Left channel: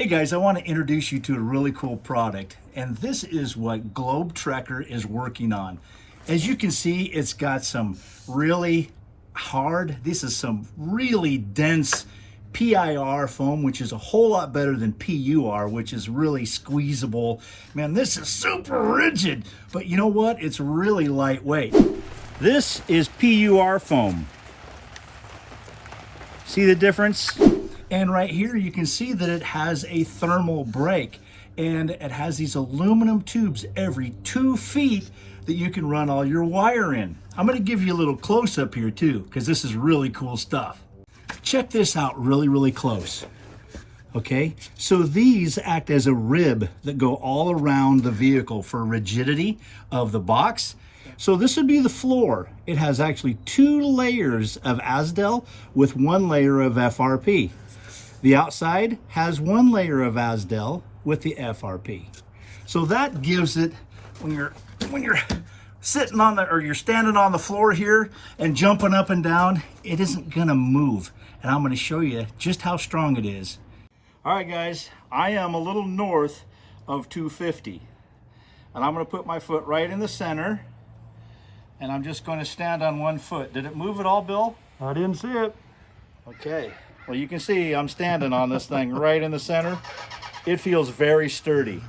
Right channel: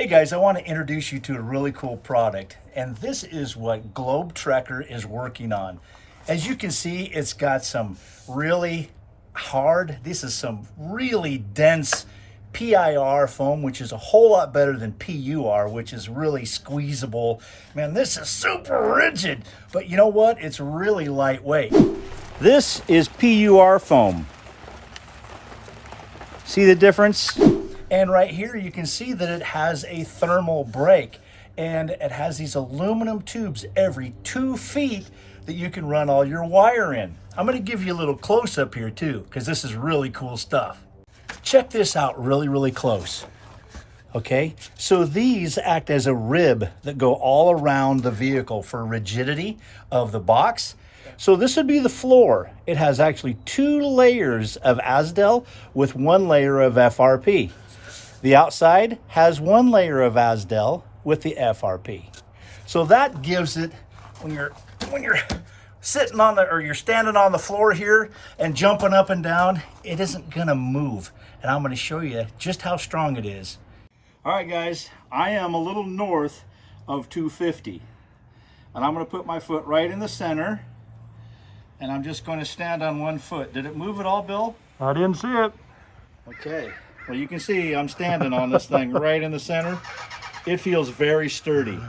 Hey guys, I want to introduce you to a really cool product, and this is what Globe Trekker is working on. As you can see, it's got some really hard, this is some really dense PIR foam, which is a whole lot better than PUR, which is really squeezable. Man, this is super rigid, but you know what? It's really lightweight. This is PUR foam. See the difference? And right here you can see that it has a thermal break, and it has these aluminum tubes every 2 feet that you can run all your wire in. I'm going to give you a little close-up here too, because this is really cool stuff. Check this out really close. Okay, so these act as a rib that go all around the vehicle for rigidity of the box. So this would be the floor. It has actually 2 layers of Azdel with 1 layer of FRP. The outside has 1 layer of Azdel with the FRP. So that gives it, when you're sitting on the, or you're standing on the floor here and jumping up and down, it isn't gonna move. And I'm gonna show you just how strong it is. All right guys, I am a little north of 250. And I'm gonna put my foot right in the center, and I'm just gonna stand on 1 foot. Did it move at all, Bill? I didn't see it. Okay, well you can see I'm standing on this thing right in the center. It feels very sturdy.